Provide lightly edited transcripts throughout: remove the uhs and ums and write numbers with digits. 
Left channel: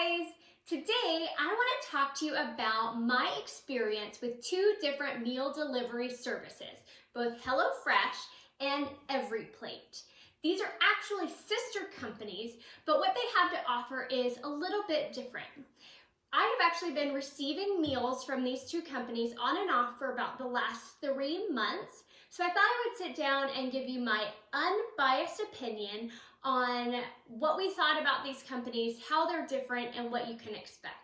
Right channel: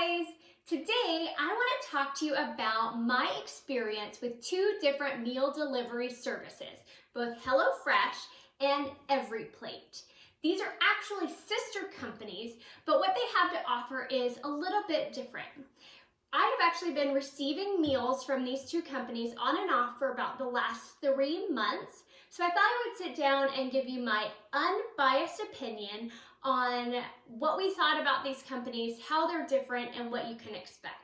guys! Today I want to talk to you about my experience with two different meal delivery services, both HelloFresh and EveryPlate. These are actually sister companies, but what they have to offer is a little bit different. I have actually been receiving meals from these two companies on and off for about the last 3 months, so I thought I would sit down and give you my unbiased opinion on what we thought about these companies, how they're different, and what you can expect.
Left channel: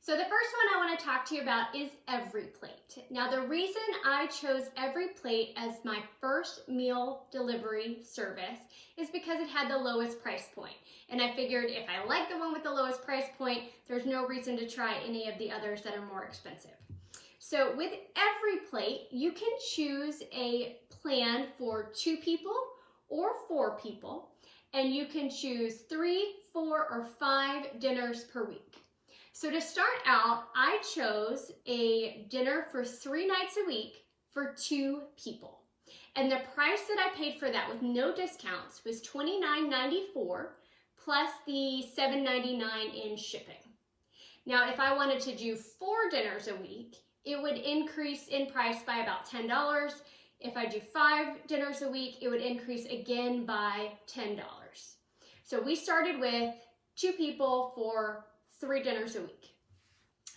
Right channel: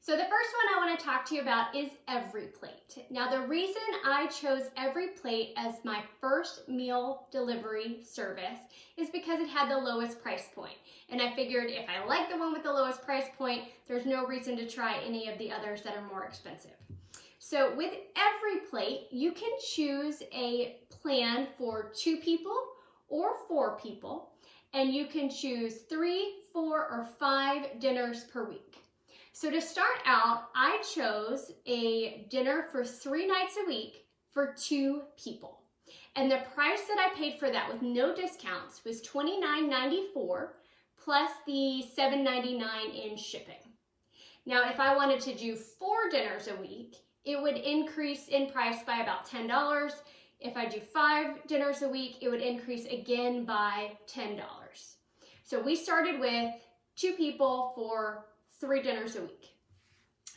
So the first one I want to talk to you about is EveryPlate. Now the reason I chose EveryPlate as my first meal delivery service is because it had the lowest price point. And I figured if I like the one with the lowest price point, there's no reason to try any of the others that are more expensive. So with EveryPlate, you can choose a plan for 2 people or 4 people, and you can choose 3, 4, or 5 dinners per week. So to start out, I chose a dinner for 3 nights a week for 2 people. And the price that I paid for that with no discounts was $29.94 plus the $7.99 in shipping. Now, if I wanted to do 4 dinners a week, it would increase in price by about $10. If I do 5 dinners a week, it would increase again by $10. So we started with 2 people for 3 dinners a week.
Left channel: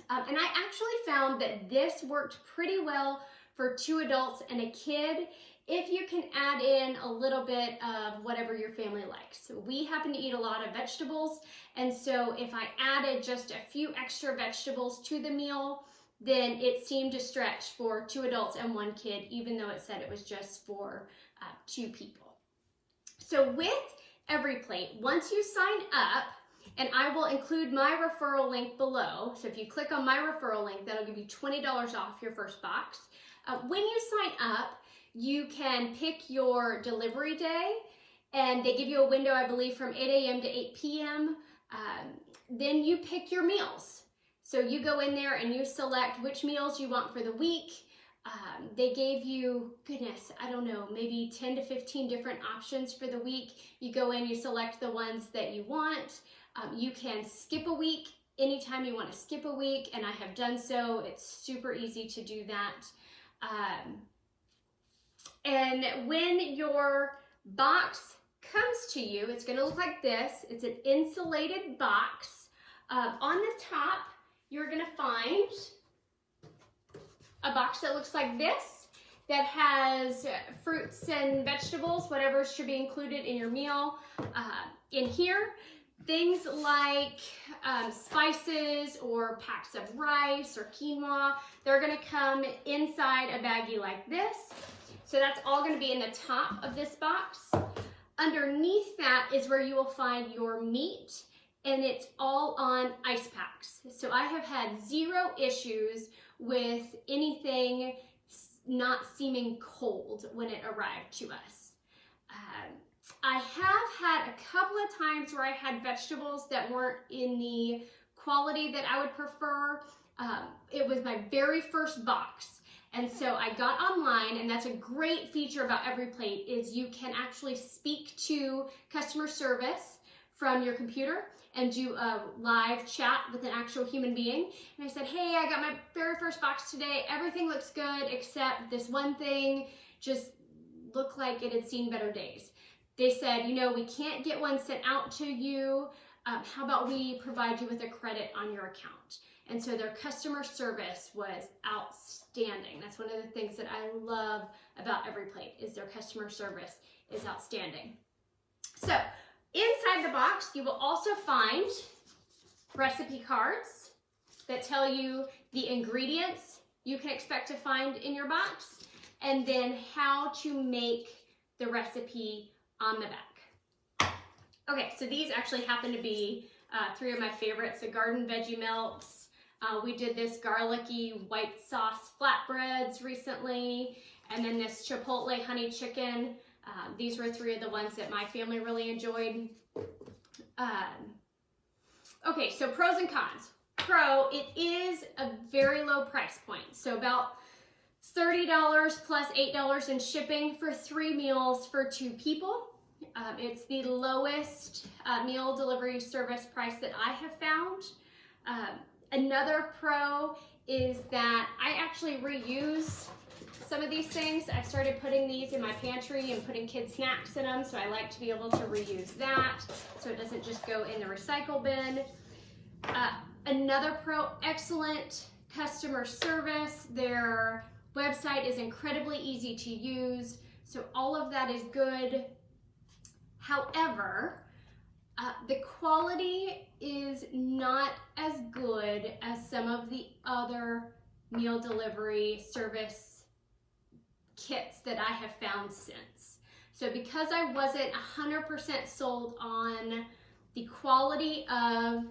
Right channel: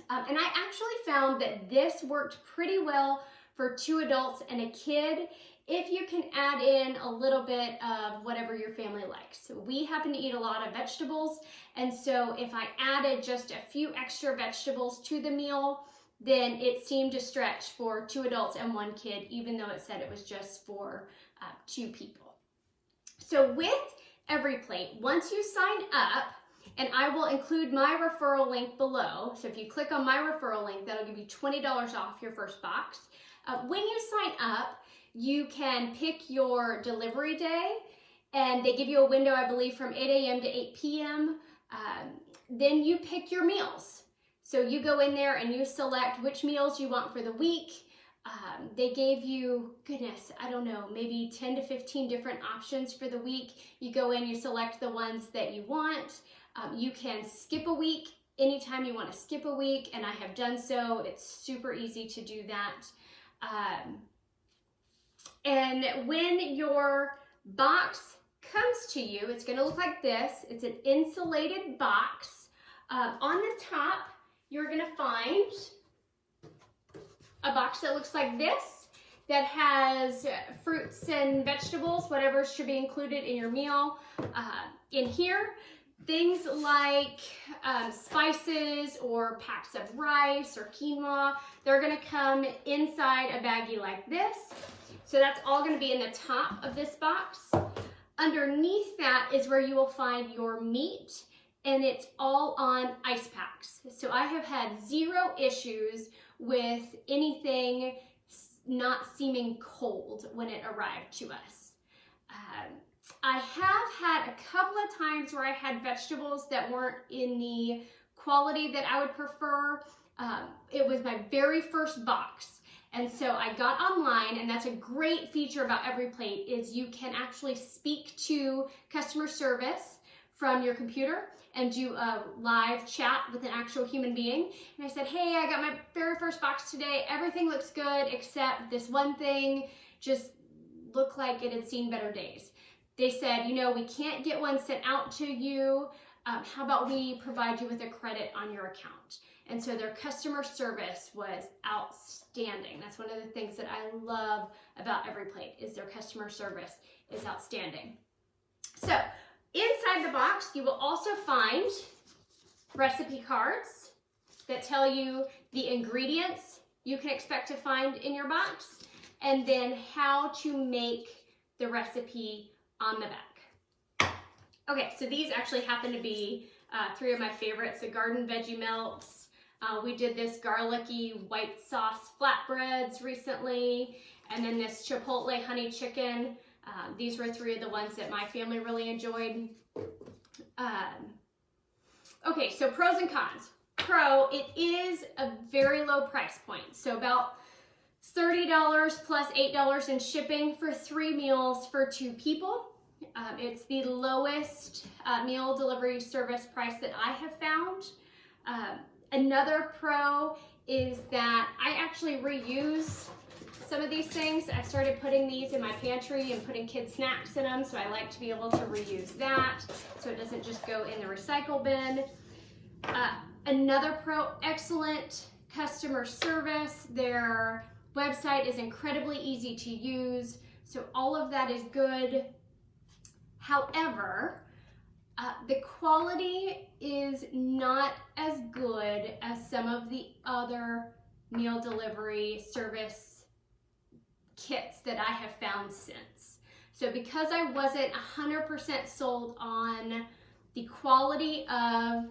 And I actually found that this worked pretty well for 2 adults and a kid if you can add in a little bit of whatever your family likes. So we happen to eat a lot of vegetables, and so if I added just a few extra vegetables to the meal, then it seemed to stretch for 2 adults and 1 kid, even though it said it was just for 2 people. So with EveryPlate, once you sign up, and I will include my referral link below, so if you click on my referral link, that'll give you $20 off your first box. When you sign up, you can pick your delivery day, and they give you a window, I believe, from 8 a.m. to 8 p.m. Then you pick your meals. So you go in there and you select which meals you want for the week. They gave you, goodness, I don't know, maybe 10 to 15 different options for the week. You go in, you select the ones that you want. You can skip a week anytime you want to skip a week, and I have done so. It's super easy to do that. And when your box comes to you, it's going to look like this. It's an insulated box. On the top, you're going to find a box that looks like this that has fruits and vegetables, whatever should be included in your meal. In here, things like spices or packs of rice or quinoa, they're going to come inside a baggie like this. So that's all going to be in the top of this box. Underneath that is where you will find your meat, and it's all on ice packs. So I have had 0 issues with anything not seeming cold when it arrived to us. I have had a couple of times where I had vegetables that weren't in the quality that I would prefer. It was my very first box. And so I got online, and that's a great feature about EveryPlate is you can actually speak to customer service from your computer and do a live chat with an actual human being. And I said, hey, I got my very first box today. Everything looks good except this one thing just looked like it had seen better days. They said, you know, we can't get one sent out to you. How about we provide you with a credit on your account? And so their customer service was outstanding. That's one of the things that I love about EveryPlate is their customer service is outstanding. So inside the box, you will also find recipe cards that tell you the ingredients you can expect to find in your box, and then how to make the recipe on the back. Okay, so these actually happen to be 3 of my favorites, the garden veggie melts. We did this garlicky white sauce flatbreads recently, and then this chipotle honey chicken. These were 3 of the ones that my family really enjoyed. Okay, so pros and cons. Pro, it is a very low price point. So about $30 plus $8 in shipping for 3 meals for 2 people. It's the lowest meal delivery service price that I have found. Another pro is that I actually reuse some of these things. I started putting these in my pantry and putting kids' snacks in them, so I like to be able to reuse that so it doesn't just go in the recycle bin. Another pro, excellent customer service. Their website is incredibly easy to use, so all of that is good. However, the quality is not as good as some of the other meal delivery service kits that I have found since. So because I wasn't 100% sold on the quality of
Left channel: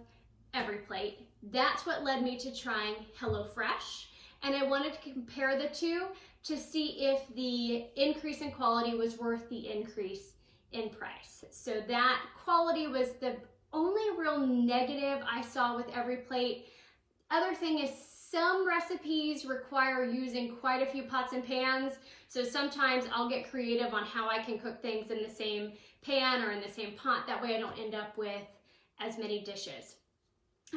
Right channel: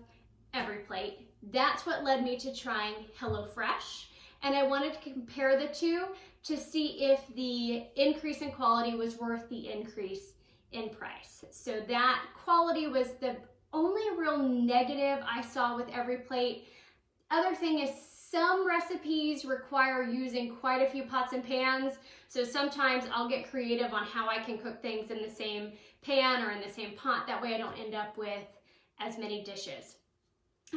EveryPlate, that's what led me to trying HelloFresh. And I wanted to compare the two to see if the increase in quality was worth the increase in price. So that quality was the only real negative I saw with EveryPlate. Other thing is some recipes require using quite a few pots and pans. So sometimes I'll get creative on how I can cook things in the same pan or in the same pot. That way I don't end up with as many dishes.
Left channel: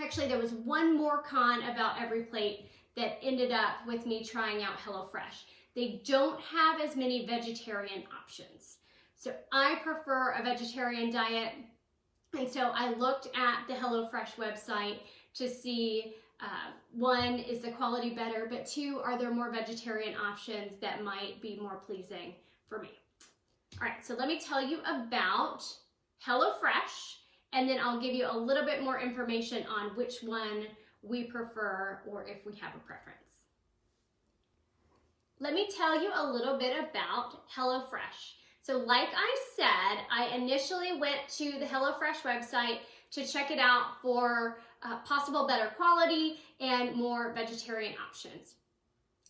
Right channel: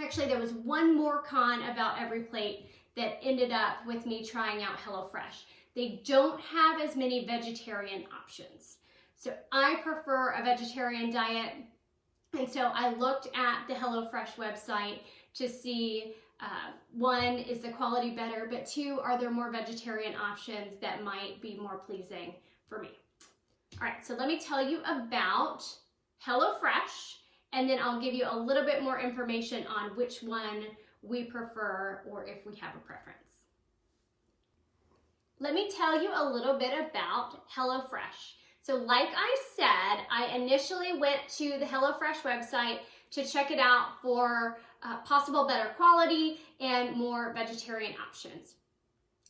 Actually, there was one more con about EveryPlate that ended up with me trying out HelloFresh. They don't have as many vegetarian options. So I prefer a vegetarian diet. And so I looked at the HelloFresh website to see, one, is the quality better, but two, are there more vegetarian options that might be more pleasing for me? All right, so let me tell you about HelloFresh, and then I'll give you a little bit more information on which one we prefer or if we have a preference. Let me tell you a little bit about HelloFresh. So like I said, I initially went to the HelloFresh website to check it out for possible better quality and more vegetarian options.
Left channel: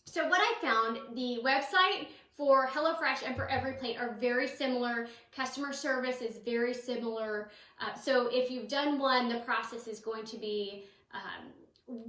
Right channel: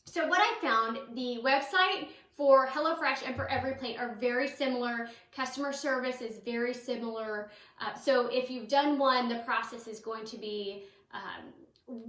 So what I found, the website for HelloFresh and for EveryPlate are very similar. Customer service is very similar. So if you've done one, the process is going to be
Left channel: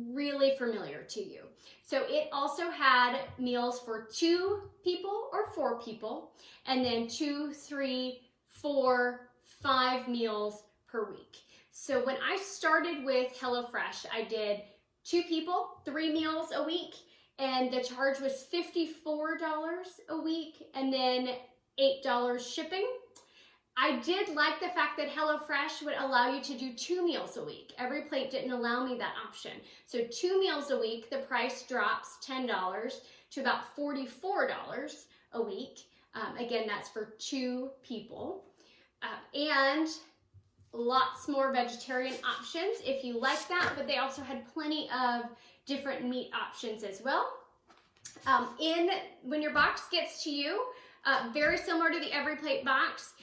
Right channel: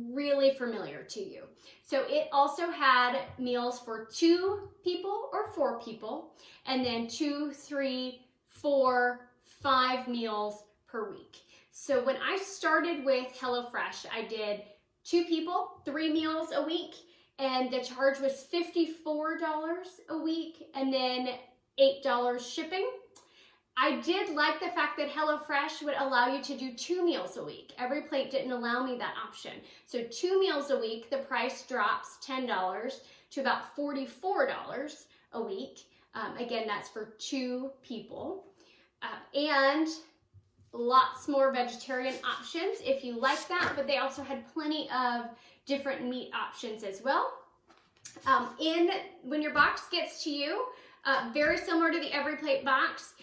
really familiar to you. So it also had meals for 2 people or 4 people, and then 2, 3, 4, 5 meals per week. So when I started with HelloFresh, I did 2 people, 3 meals a week, and the charge was $54 a week, and then $8 shipping. I did like the fact that HelloFresh would allow you to do 2 meals a week. EveryPlate didn't allow me that option. So 2 meals a week, the price drops $10 to about $44 a week. Again, that's for 2 people. And lots more vegetarian options if you like that, but they also had plenty of different meat options as well. When your box gets to you, very similar to the EveryPlate box,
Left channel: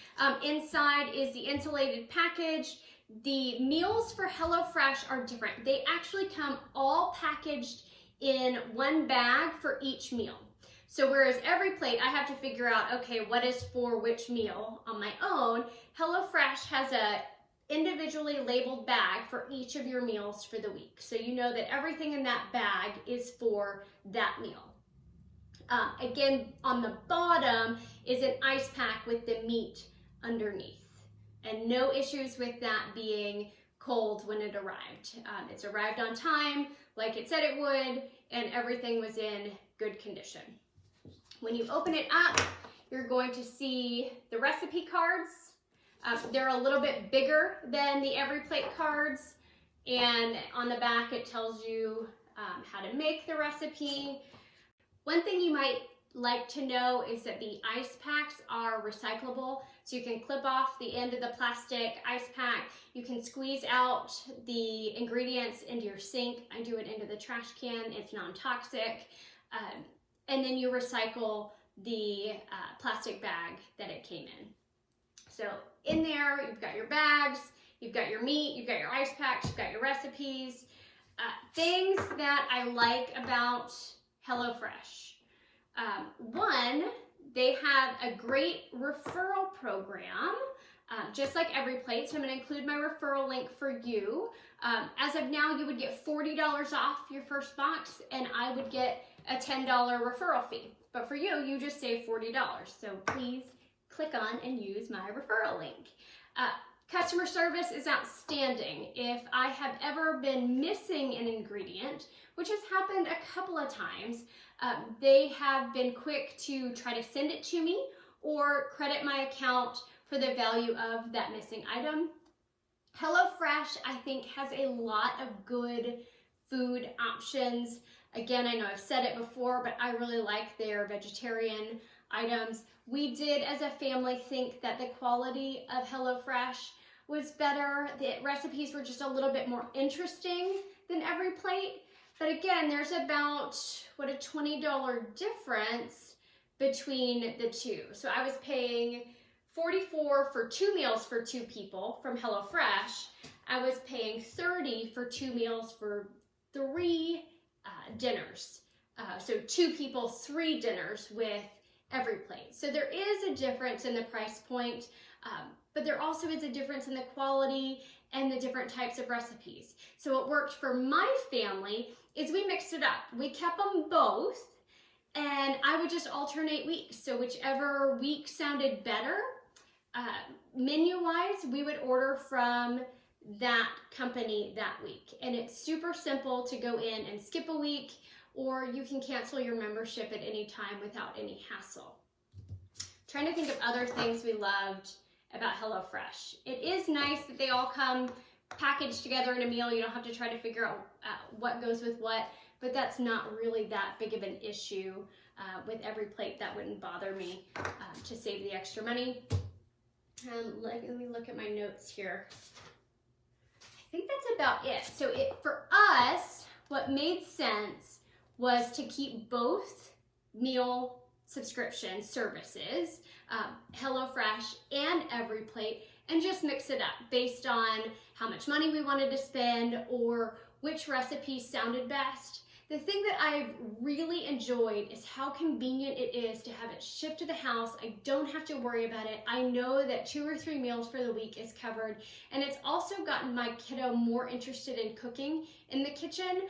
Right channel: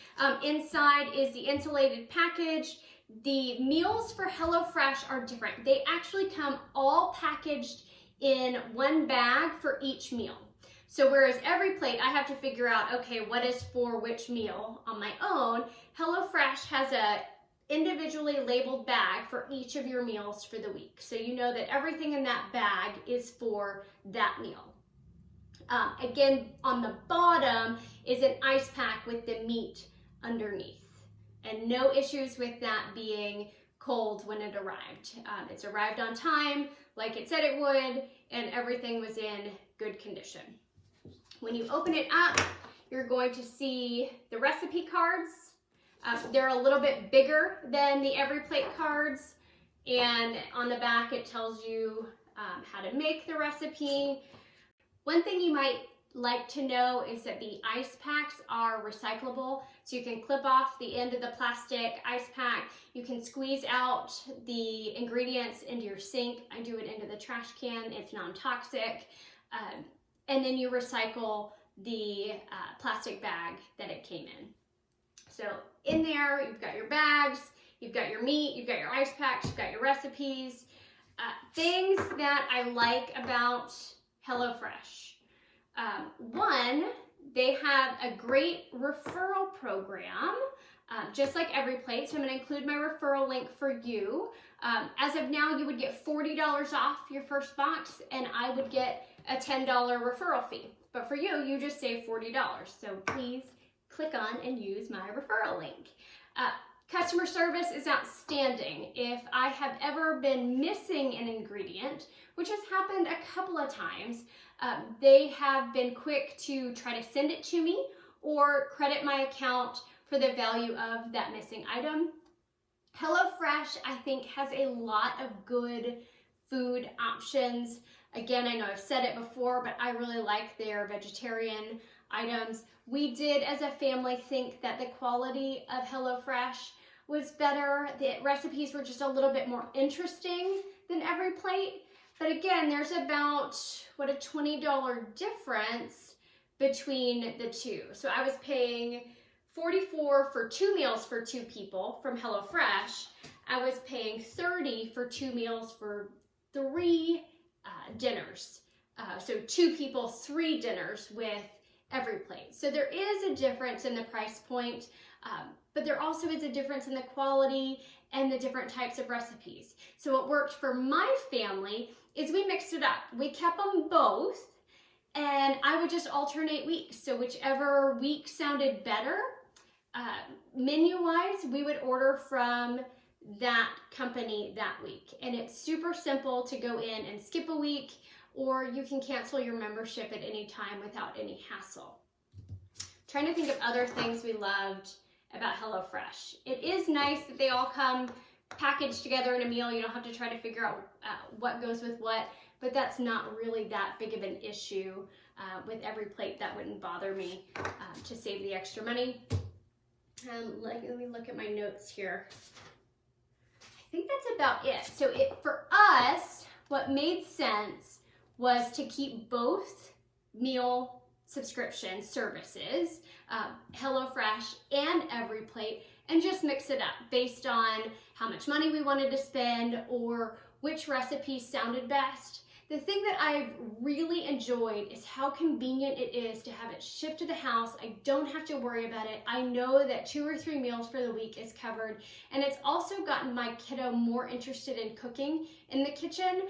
inside is the insulated package. The meals for HelloFresh are different. They actually come all packaged in one bag for each meal. So whereas EveryPlate, I have to figure out, okay, what is for which meal on my own, HelloFresh has a individually labeled bag for each of your meals for the week. So you know that everything in that bag is for that meal. Again, on the bottom is an ice pack with the meat underneath, and no issues with that being cold when it arrived. It's arrived on time, like it said it would, and everything was in good condition. When you open it up, you're going to see the recipe cards. They're a little bit bigger than the EveryPlate cards, and on the back it tells you how to make the recipe. One thing you might like to know is that the ice packs are recyclable, so you can clip off the end of the plastic ice pack. You can squeeze out the ingredients into your sink. I do it into the trash can. It's non-toxic. And then you recycle the plastic bag that it came in. So in there, you've got your bags, you've got your meat, you've got your ice packs, you've got your recipes. Things that I like about HelloFresh. One, they have a great referral program, just like EveryPlate. So I'm going to include my referral link for you. As of now, you would get $40 off your first box, and I would get a $10 referral fee. But for you, you just save $40. So please click on and use my referral link. Customer service is outstanding. If I have ever been missing an ingredient, which has happened a couple of times, they have been quick to try to send it to me or credit my account for the value of that missing item. HelloFresh, I think, has a lot of good food options. Again, I know I've said it before, but I really like their vegetarian items. We did, as a family, think that the quality of HelloFresh was better. The recipes were just a little bit more interesting than EveryPlate. But again, there's about, a $20 difference between the two. So I was paying $44 for 2 meals for 2 people from HelloFresh. I was paying $30 for 2 meals for 3 dinners. So 2 people, 3 dinners with EveryPlate. So there is a difference in the price point, but there also is a difference in the quality and the different types of recipes. So what worked for my family is we mixed it up. We kept them both, and I would just alternate weeks. So whichever week sounded better, menu-wise, we would order from that company that week. And it's super simple to go in and skip a week, or you can cancel your membership at any time without any hassle. Trying to think of other things we loved about HelloFresh. It is nice that they all come packaged together in a meal. You don't have to try to figure out what goes with what, but that's not really that big of an issue. With EveryPlate, that wouldn't bother me to save the extra money. Let me look at my notes here. I think that's about it. So for us, what made sense was to keep both meal subscription services, HelloFresh and EveryPlate, and just mix it up based on how much money we wanted to spend or which recipes sounded best. The thing that I've really enjoyed is how convenient it is to have it shipped to the house. I don't have to worry about it. I know that 2 or 3 meals for the week is covered, and it's also gotten my kiddo more interested in cooking in the kitchen,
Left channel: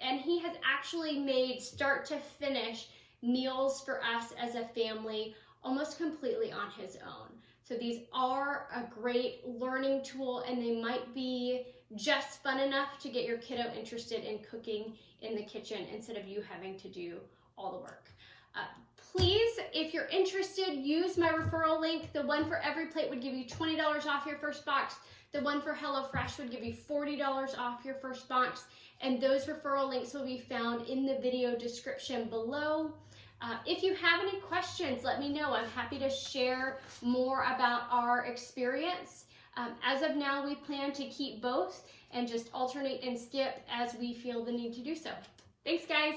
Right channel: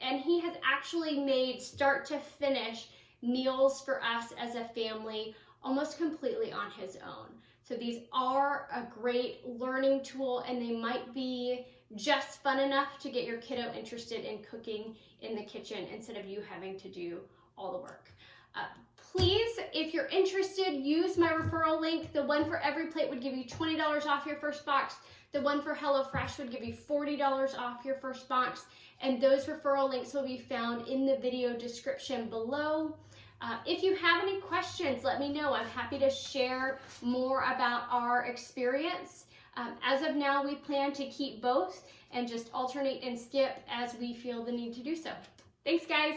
and he has actually made start to finish meals for us as a family almost completely on his own. So these are a great learning tool, and they might be just fun enough to get your kiddo interested in cooking in the kitchen instead of you having to do all the work. Please, if you're interested, use my referral link. The one for EveryPlate would give you $20 off your first box. The one for HelloFresh would give you $40 off your first box. And those referral links will be found in the video description below. If you have any questions, let me know. I'm happy to share more about our experience. As of now, we plan to keep both and just alternate and skip as we feel the need to do so. Thanks, guys.